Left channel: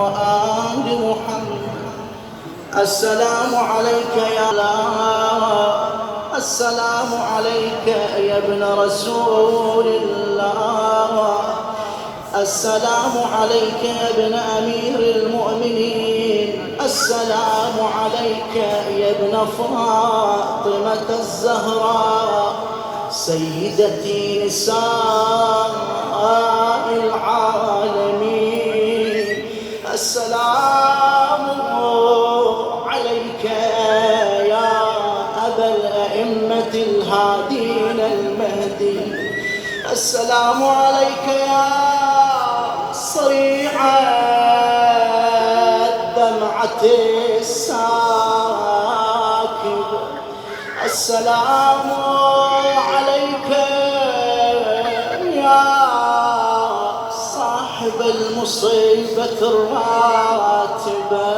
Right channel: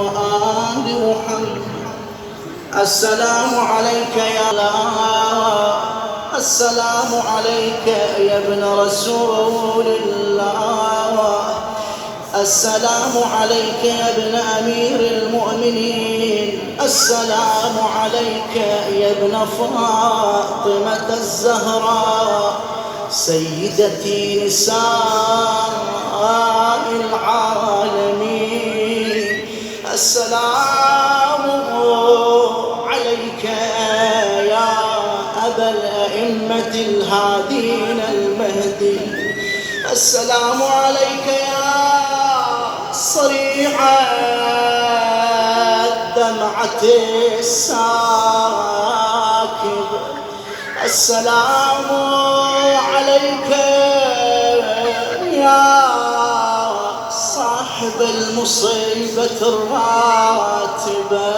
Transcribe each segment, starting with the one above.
وآل محمد. السلام عليك يا الله، السلام عليك يا ابن رسول الله، السلام عليك يا ابن أمير المؤمنين، السلام عليك يا ابن فاطمة الزهراء سيدتي نساء العالمين. السلام عليك يا أبا الأئمة الهادين المهدي، السلام عليك يا صريع الدمعة الساكب، السلام عليك يا صاحب المصيبة الراتبة،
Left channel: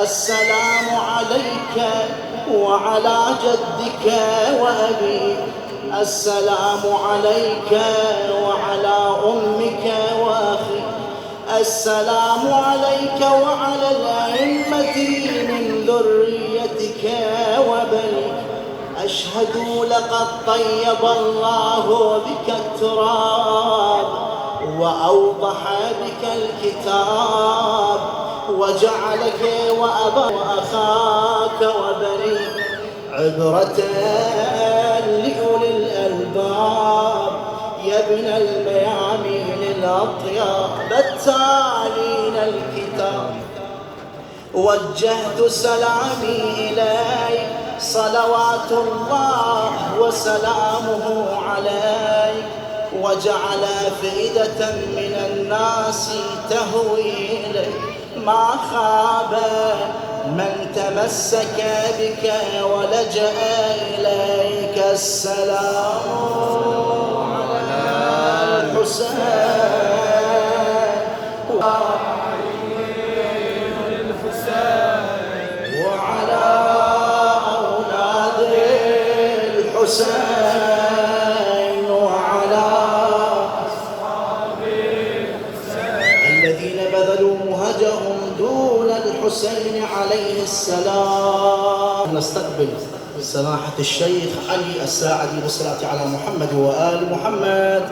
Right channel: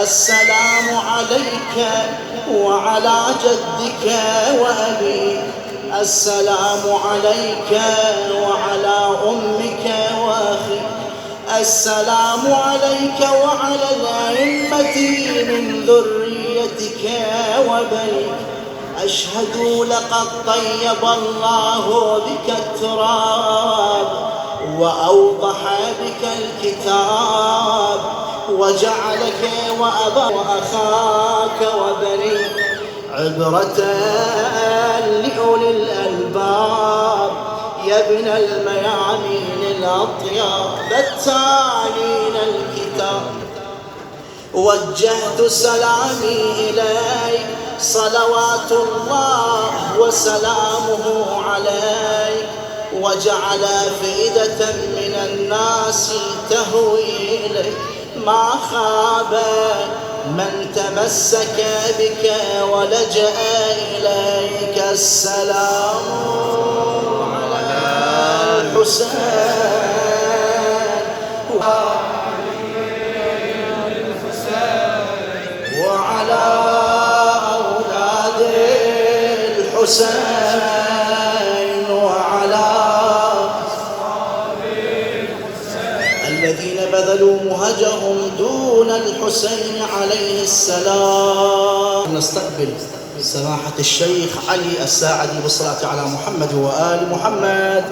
السلام عليك وعلى جدك وأبيك، السلام عليك وعلى أمك وأخيك، السلام عليك وعلى الأئمة من ذريتك وبنيك. أشهد لقد طيب الله بك التراب وأوضح بك الكتاب وجعلك وأبا وأخاك وبنيك عبرة لأولي الألباب يا ابن الميامين الأطياب التالين الكتاب. وجهت سلامي إليك صلوات الله وسلامه عليك، وجعل فئدة من الناس تهوي إليك، ما خاب من تمسك بك ولجأ إليك. السلام على الحسين وعلى أولاد الحسين وعلى أصحاب الحسين الذين بذلوا مهجهم دون الحسين عليه السلام. نستقبل سماحة الشيخ علي الساعدي بالصلاة على محمد وآل محمد.